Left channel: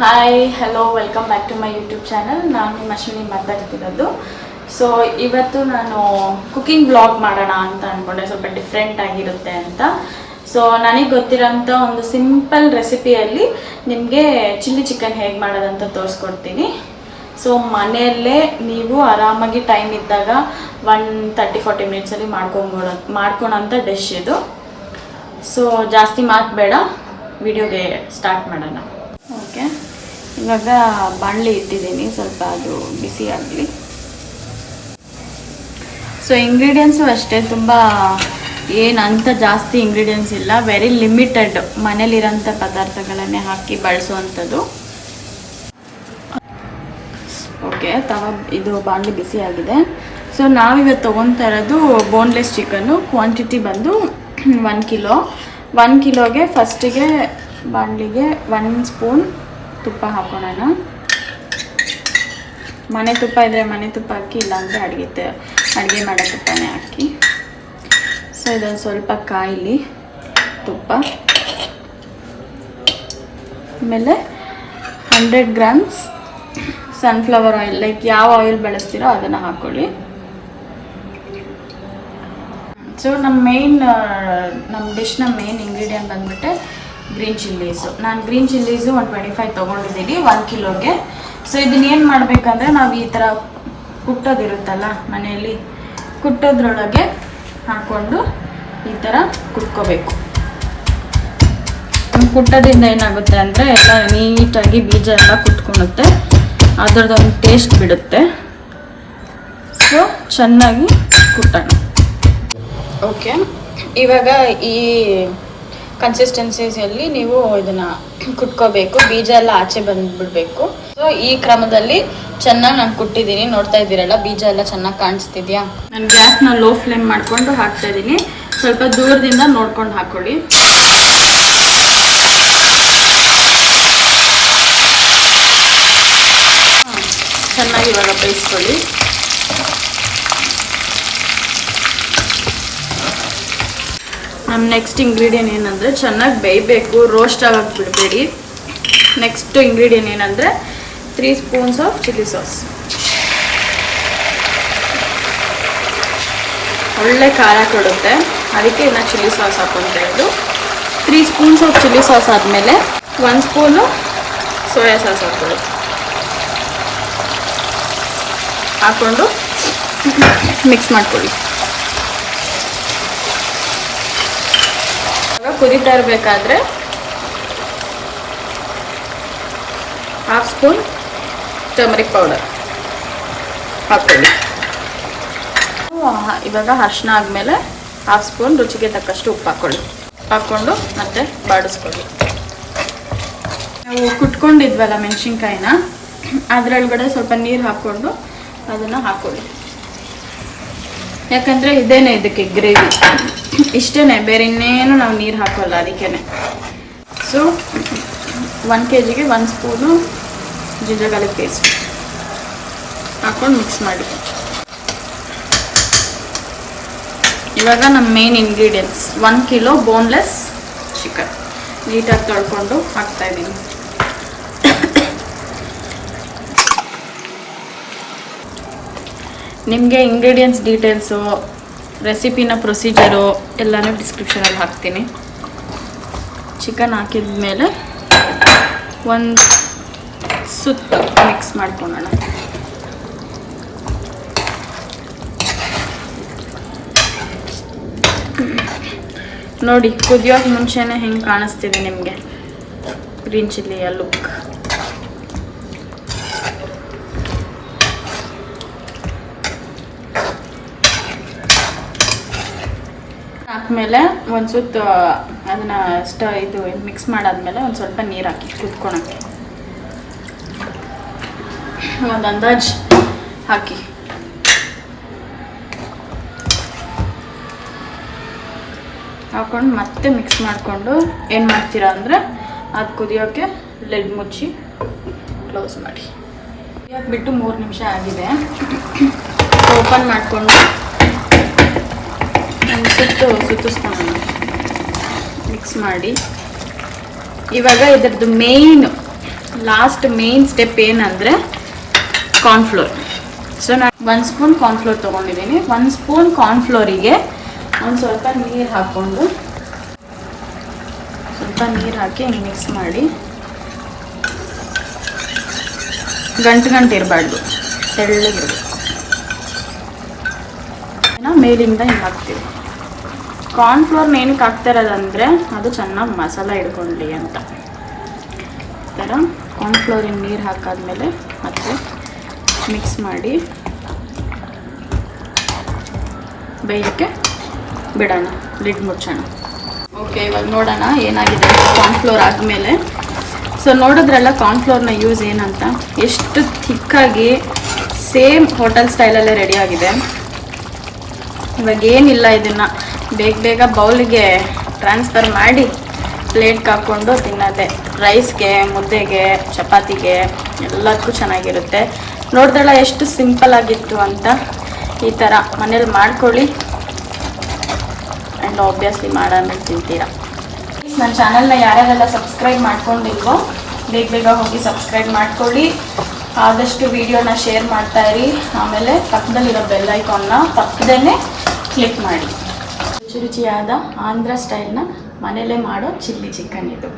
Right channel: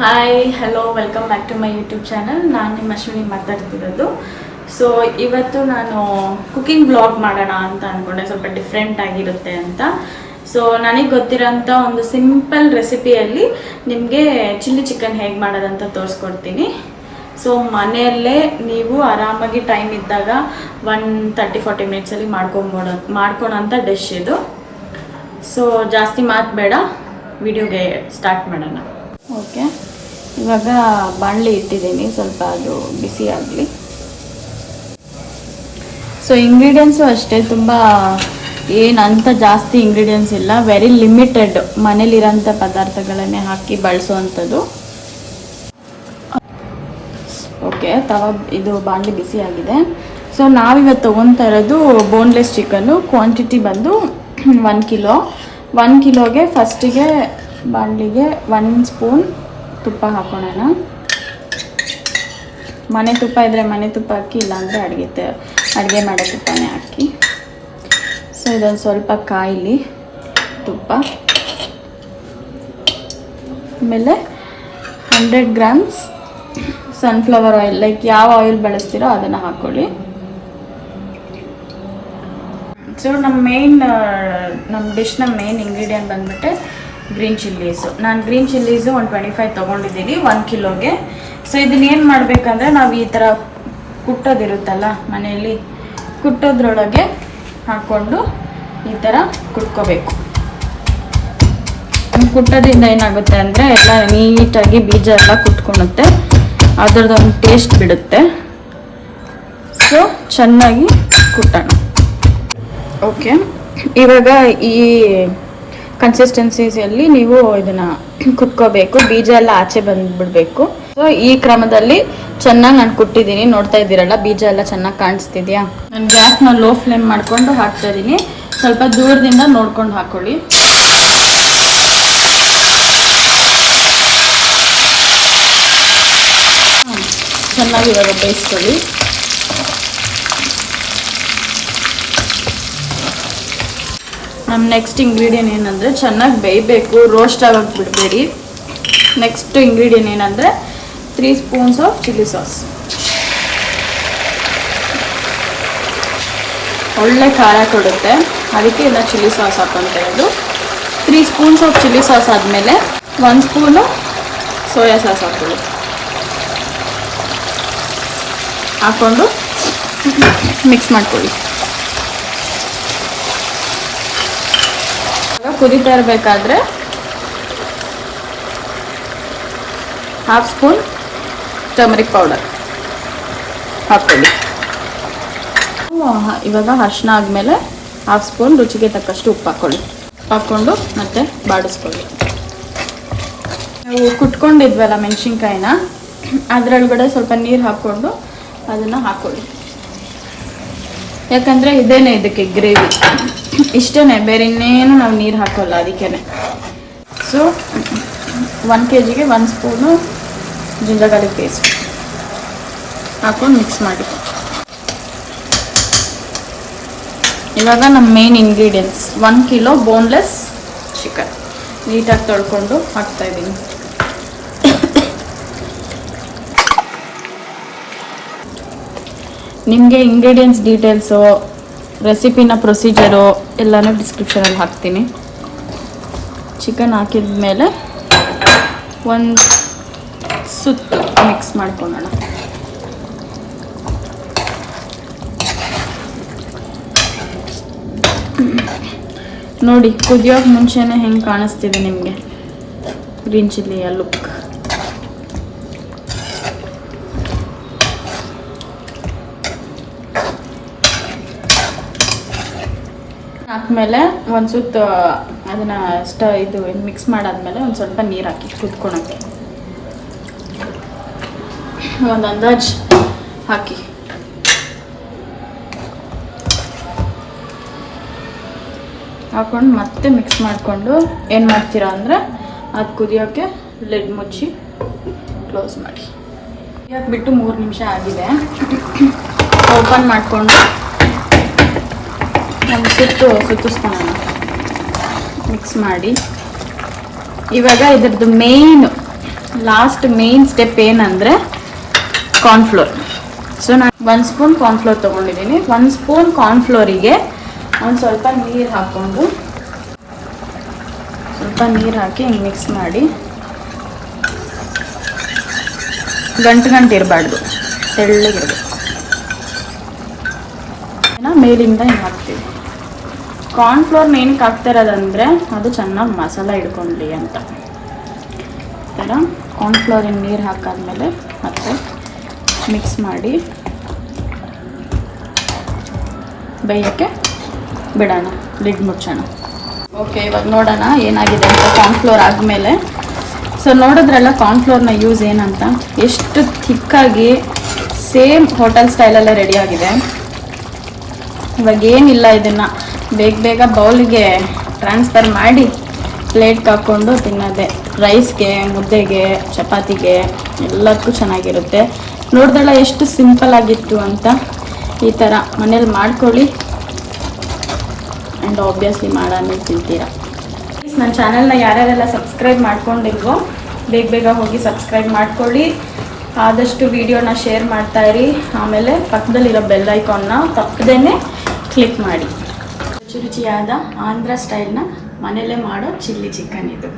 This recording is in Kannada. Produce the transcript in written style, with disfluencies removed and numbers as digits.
Hi hello welcome back to my YouTube channel. ನಾನು ನಿಮ್ಮ ಅಶ್ವಿನಿ ಮಾತಾಡ್ತಿರೋದು. ಸೊ ಇವತ್ತು ನಾನು ಕುಕಿಂಗ್ ವ್ಲಾಗ್ ಮಾಡೋಣ ಅಂತ ಅಂದ್ಕೊಂಡೆ, ಸ್ವಲ್ಪ ಡಿಫ್ರೆಂಟ್ ಆಗಿರುತ್ತೆ ಅಂತ. ಸೊ ನನಗೆ ಗೊತ್ತಿರೋಂಥ ಒಂದು ಸಿಂಪಲ್ ರೆಸಿಪಿಯಲ್ಲಿ ನಿಮಗೆ ಚಿಲ್ಲಿ ಚಿಕನ್ ಹೇಗೆ ಮಾಡೋದಂತ ತೋರಿಸ್ಕೊಡ್ತೀನಿ. ಸೊ ಮನೆಯಲ್ಲೇ ನೀವು ಆರಾಮಾಗಿ ಟೈಮ್ ಇದ್ದಾಗ 1-30-40 ಮಿನಿಟ್ಸಲ್ಲಿ ಮಾಡ್ಕೊಳೋಂಥ ಡಿಶ್ ಇದು. ಸೊ ಜಾಸ್ತಿ ಮಾತು ಬೇಡ, ವಿಡಿಯೋಗೆ ಸ್ಟಾರ್ಟ್ ಮಾಡೋಣ. ಓಕೆ, ಇವಾಗ ಬಾಣಲಿ ಇಟ್ಟಿದ್ದೀನಿ, ಸ್ವಲ್ಪ ಅದು ಬಿಸಿ ಆಗಲಿ. ಸೊ ಇಂಗ್ರೀಡಿಯೆಂಟ್ಸು ಅಷ್ಟೇ, ತುಂಬ ಏನಂತ ಜಾಸ್ತಿ ಇಂಗ್ರೀಡಿಯೆಂಟ್ಸ್ ಇಲ್ಲ, ವೆರಿ ಲಿಮಿಟೆಡ್ ಮನೇಲಿರೋಂಥ ಪದಾರ್ಥಗಳನ್ನೇ ಹಾಕಿ ಬಳಸೋವಂಥದ್ದು. ಓಕೆ, ಇದು ಬಾಣಲಿ ಬಿಸಿ ಆಗಿದೆ. ಸೊ ನಾವಿವತ್ತು ತೊಗೊತಾ ಇರೋದು ಬೋನ್ಲೆಸ್ ಚಿಕನ್ನು. ಕ್ವಾಂಟಿಟಿ ಬಂದು 1 ಕಿಲೋ. 1 ಕಿಲೋಗೆ ಫಸ್ಟಿಗೆ ಬಾಣಲಿಗೆ 1 ಸ್ಪೂನ್ ತುಪ್ಪ ಹಾಕೋಣ. ಮನೆ ತುಪ್ಪ ಇದ್ದರೆ ಮನೆ ತುಪ್ಪ ಹಾಕಿ, ಇಲ್ಲಾಂದರೆ ಅಡುಗೆ ಮಾಡೋ ತುಪ್ಪನೇ ಹಾಕಿ. ಸೊ ಇದೊಂದು ಸ್ವಲ್ಪ ಕಾಯಿಲಿ ತುಪ್ಪ. ಆಮೇಲೆ 100 ಗ್ರಾಮ್ಸ್ ಸನ್ಫ್ಲವರ್ ಆಯಿಲ್, ಲೈಕ್ ಯಾವ ಆಯಿಲ್ ಬಳಸ್ತೀರೋ ಅದನ್ನು ಹಾಕ್ಕೊಳ್ಳಿ. ಸೊ ನಮ್ಮ ಡಿಶ್ನ ಮೇನ್ ಇಂಗ್ರೀಡಿಯೆಂಟ್ ಬಂದುಬಿಟ್ಟೆ ಗ್ರೀನ್ ಚಿಲ್ಲೀಸು. ನಾನು ಗ್ರೀನ್ ಚಿಲ್ಲೀಸು 125 ತೊಗೊಂಡಿದ್ದೀನಿ 1 ಕಿಲೋಗೆ. ಸೊ ಇದನ್ನೇನು ಮಾಡಬೇಕಂದ್ರೆ, ನಾವು ಈ ಥರ ಕುಟ್ಟೋದಿರುತ್ತಲ್ಲ ಮನೆಯಲ್ಲಿ, ಕುಟ್ಟೋದ್ರೊಳಗೆ ಹಾಕ್ಕೊಂಡು ಈ ಥರ ಕುಟ್ಕೋಬೇಕು. ಕುಟ್ಟೋದ್ರಿಂದ ಏನಾಗುತ್ತೆ ಅಂದರೆ ಎಲ್ಲ ನೀಟಾಗಿ ಬೀಜ ಎಲ್ಲ ಕುಟ್ಕೊಳುತ್ತೆ, ಅದರದ್ದೊಂದು ಟೇಸ್ಟ್ ಬಿಡುತ್ತೆ. ಸೊ ಚೆನ್ನಾಗಿ ಕುಟ್ಟೋಣ. ಓಕೆ, ಇವಾಗ ಈ ಕನ್ಸಿಸ್ಟೆನ್ಸಿಯಲ್ಲಿ ನೀವು ಇದನ್ನು ಕುಟ್ಕೋಬೇಕು, ಬೀಜ ಎಲ್ಲ ಆಚೆ ಬಂದುಬಿಡಬೇಕು. ಸೊ ಈ ಕ್ರಮದಲ್ಲಿ ಚೆನ್ನಾಗಿ ನಾನು ಕುಟ್ಟಿದ್ದೀನಿ, ನೋಡ್ತಾ ಇದ್ದೀರಲ್ಲ ಬೀಜ ಎಲ್ಲ ಚೆನ್ನಾಗಿ ಕಾಣಿಸ್ತಿದ್ಯಾ. ನಾನು ಗ್ಯಾಸ್ನ ಲೋ ಫ್ಲೇಮ್ ಮಾಡಿಕೊಂಡು ಹಾಕ್ತಾ ಇದ್ದೀನಿ, ಸ್ವಲ್ಪ ದೂರದಿಂದ ನೋಡ್ಕೊಂಡು ಹಾಕ್ಕೊಳ್ಳಿ. ಚೆನ್ನಾಗಿ ಇವಾಗ ಬೇಯಿಸ್ಕೊಳ್ಳಿ. ನಮ್ಮ ನೆಕ್ಸ್ಟ್ ಇಂಗ್ರೀಡಿಯೆಂಟ್ ಏನಂದರೆ, ಚೆನ್ನಾಗಿ ಬೇಯಬೇಕು, ರೋಸ್ಟ್ ಆಗೋಕ್ಕೆ ಬಿಡಬೇಡಿ. ನೆಕ್ಸ್ಟ್ ಇಂಗ್ರೀಡಿಯೆಂಟ್ ಏನಂದರೆ 3 ಸ್ಪೂನ್ಸ್ ಆಫ್ ಚಿಲ್ಲಿ ಸಾಸ್. ಒಳ್ಳೆ ಖಾರ ಕೊಡುತ್ತೆ, ಅದಕ್ಕೆ ಇನ್ನು ಚಿಲ್ಲಿ ಸಾಸ್ ಹಾಕ್ಕೊಂತ ಇರೋದು. 3 ಸ್ಪೂನ್ಸ್ ಆಫ್ ಚಿಲ್ಲಿ ಸಾಸ್ ಆದಮೇಲೆ 1 ಸ್ಪೂನು ಸೋಯಾ ಸಾಸ್ ಹಾಕ್ಕೊಂಡು ಮಿಕ್ಸ್ ಮಾಡ್ಕೊಳ್ಳಿ. ಕುದೀತಾ ಇರಬೇಕಾದ್ರೆ 1/2 ಸ್ಪೂನ್ ಟರ್ಮರಿಕ್ ಪೌಡರ್ ಹಾಕ್ಕೊಳ್ಳಿ. ಇವಾಗ ಅರ್ಶಿನ ಆದಮೇಲೆ 1/2 ಸ್ಪೂನ್ ರುಚಿಗೆ ತಕ್ಕಷ್ಟು ಉಪ್ಪು ಹಾಕ್ಕೊಂಡು ಮತ್ತೆ ಬಾಡಿಸ್ಕೊಳ್ಳಿ. ನಾವು ಕುಟ್ಕೊಂಡಿದ್ವಲ್ಲ ಮೆಣಸಿನ್ಕಾಯಿನ, ಅದರೊಳಗಡೆ ಸ್ವಲ್ಪ ನೀರು ಹಾಕ್ಕೊಂಡು ಅದನ್ನು ಹಾಕ್ಕೊಳ್ಳಿ. ಯಾಕಂದರೆ ಇದೇನೆ ಇದಕ್ಕೆ ಗ್ರೇವಿ, ಇಷ್ಟೇ, ಬೇರೆ ಇನ್ನೇನು ನಾವು ನೀರು ಹಾಕೋಲ್ಲ ಅದಕ್ಕೇ. So 1 kgಗೆ 1 spoon ginger garlic paste ಹಾಕ್ಕೊಂಡು ಮಿಕ್ಸ್ ಮಾಡಿ. ಇವಾಗ ನಮ್ಮ main ingredients 1 kilo boneless chicken ನೀಟಾಗಿ ತೊಳ್ಕೊಂಡು ಹಾಕ್ತಾಯಿದ್ದೀನಿ. ನಿಮಗೆ ಇಂಗ್ರೀಡಿಯೆಂಟ್ಸ್ ಡೀಟೇಲ್ಸು, ರೆಸಿಪಿನ ಪ್ರೊಸೀಜರು ಎಲ್ಲನೂ ಡಿಸ್ಕ್ರಿಪ್ಷನಲ್ಲಿ ಹಾಕ್ತೀನಿ. ಚಿಕನ್ ಹಾಕಿದ ಮೇಲೆ ಒಂದು ಸುತ್ತ ಮಿಕ್ಸ್ ಮಾಡ್ಕೊಳ್ಳೋಣ. ನೋಡಿ, ಕುದಿಯೋಕೆ ಮುಂಚೆನೇ ಹೆಂಗೆ ಕಾಣಿಸ್ತಿದೆ ನಿಮಗೆ ಗ್ರೀನ್ ಚಿಲ್ಲಿಯ ಲುಕ್. ಹಾಕ್ಮೇಲೆ ಒಂದು ಸುತ್ತು ಅದನ್ನು ಇದು ಮಿಕ್ಸ್ ಮಾಡಾದ್ಮೇಲೆ ಒಂದು ಸ್ವಲ್ಪ ನೀರು ಹಾಕಿ ಕುತ್ಕೊಳಕ್ಕೆ, ಒಂದು ಅಂದಾಜು ಹಾಕಿ ಹಾಕ್ಕೊಂಡು ಮತ್ತೆ ಮಿಕ್ಸ್ ಮಾಡಿಕೊಂಡು ಏನು ಮಾಡ್ತೀರಾ ಅಂದರೆ, ಅದು ಕುದಿಯೋಕ್ಕೆ ಲಿಡ್ ಮುಚ್ಚಿ ಕ್ಲೋಸ್ ಮಾಡಿ. ಕುದಿಯೋಕೆ ಬಿಟ್ಟು 3 ನಿಮಿಷ ಆಗಿದೆ. ಓಪನ್ ಮಾಡಿಕೊಂಡು ಒಂದು ಸುತ್ತಿಸ್ಕೊಳ್ಳೋಣ, ಮಿಕ್ಸ್ ಮಾಡಿ. ಇವಾಗ ಇದ್ರದ್ದು ಮೇನ್ ಲಾಸ್ಟ್ ಮೇನ್ ಸ್ಟೆಪ್ ಏನಂದರೆ ಕಾರ್ನ್ಫ್ಲೋರ್. ಸೊ ನಾನು 1 ಸ್ಪೂನ್ ಕಾರ್ನ್ಫ್ಲೋರ್ ತೊಗೊಂಡಿದ್ದೀನಿ. 1 ಸ್ಪೂನ್ ಕಾರ್ನ್ಫ್ಲೋರಿಗೆ ಒಂದು ಸ್ವಲ್ಪ ನೀರು ಹಾಕ್ಕೊಂಡು ಸ್ವಲ್ಪ ನೀರು ಹಾಕಿ ಹಿಂಗೆ ಮಿಕ್ಸ್ ಮಾಡಿ, ಗಂಟು ಇರಬಾರ್ದು, ತೆಳ್ಳಗಿರಬೇಕು. ಮೇಲಿಂದ ಹಿಂಗೆ ಹಾಕ್ತೀವಿ. ಕಾರ್ನ್ಫ್ಲೋರ್ನ ಏನಕ್ಕೆ ಹಾಕ್ತಾ ಇರೋದಂದರೆ ಅದು ಚೆನ್ನಾಗಿ ಮಸಾಲ ಹಿಡ್ಕೊಳ್ಳಿ ಅಂತ. ಈ ಥರ ಕಾರ್ನ್ಫ್ಲೋರಿನ ನೀರು ಹಾಕಾದ್ಮೇಲೆ ಮತ್ತೆ ಮಿಕ್ಸ್ ಮಾಡಿ ಬೇಯಕ್ಕೆ ಬಿಡೋಣ, ಲಿಡ್ ಮುಚ್ಚೋಣ. ಓಕೆ, ಇವಾಗ ನೋಡೋಣ ಏನಾಗಿದೆ ಅಂತ ಕಾರ್ನ್ಫ್ಲೋರ್ ಆದಮೇಲೆ. ಸೊ ನೋಡಿದ್ರಲ್ಲ ಕಾರ್ನ್ಫ್ಲೋರ್ನ ಯೂಸ್ ಏನಂತ, ಎಷ್ಟು ಥಿಕ್ಕಾಗಿ ಸೇಮ್ ಹೋಟೆಲ್ ಸ್ಟೈಲಲ್ಲೇ ರೆಡಿಯಾಗಿದೆ. ಇವಾಗ ಏನಿಲ್ಲ, ಇದನ್ನು ಬೇಗ ಬೌಲಿಗೆ ಟ್ರಾನ್ಸ್ಫರ್ ಮಾಡಿ ಪ್ಲೇಟ್ಗೆ ಹಾಕ್ಕೊಂಡು ತಿನ್ನೋದೆ. ರೈಸ್ಗೆ, ಮುದ್ದೆಗೆ, ಚಪಾತಿಗೆ ಎಲ್ಲದಕ್ಕೂ ಚೆನ್ನಾಗಿರುತ್ತೆ. ನೋಡಿದ್ರಲ್ಲ ಎಷ್ಟು ಸಿಂಪಲ್ ಆಗಿತ್ತು ಅಂತ. ಈ ಥರ ಮನೇಲಿ ಮಾಡ್ಕೊಳ್ಳಿ ಆ್ಯಂಡ್ ಆಬ್ವಿಯಸ್ಲಿ ಮಾಡೋಣ ತಿಂತೀರಾ. ನನ್ನ ಚಾನಲ್ನ ಯಾರ್ಯಾರೆಲ್ಲ ಸಬ್ಸ್ಕ್ರೈಬ್ ಮಾಡ್ಕೊಂಡಿಲ್ವೋ ಬೇಗ ಹೋಗಿ ಸಬ್ಸ್ಕ್ರೈಬ್ ಮಾಡ್ಕೊಳ್ಳಿ. ಆದಷ್ಟು ವಿಡಿಯೋನ ಶೇರ್ ಮಾಡ್ತಾಯಿರಿ. ಆಮೇಲೆ ಪಕ್ಕದಲ್ಲಿರೋ ಬೆಲ್ ಐಕಾನ್ನ ತಪ್ಪದೇ ಕ್ಲಿಕ್ ಮಾಡಿ. ರುಚಿಯಾದ ಆಂಧ್ರ ಸ್ಟೈಲ್ನ ಮನೆಯಲ್ಲೇ ಮಾಡೋ ಚಿಲ್ಲಿ ಚಿಕನ್ ಇದು.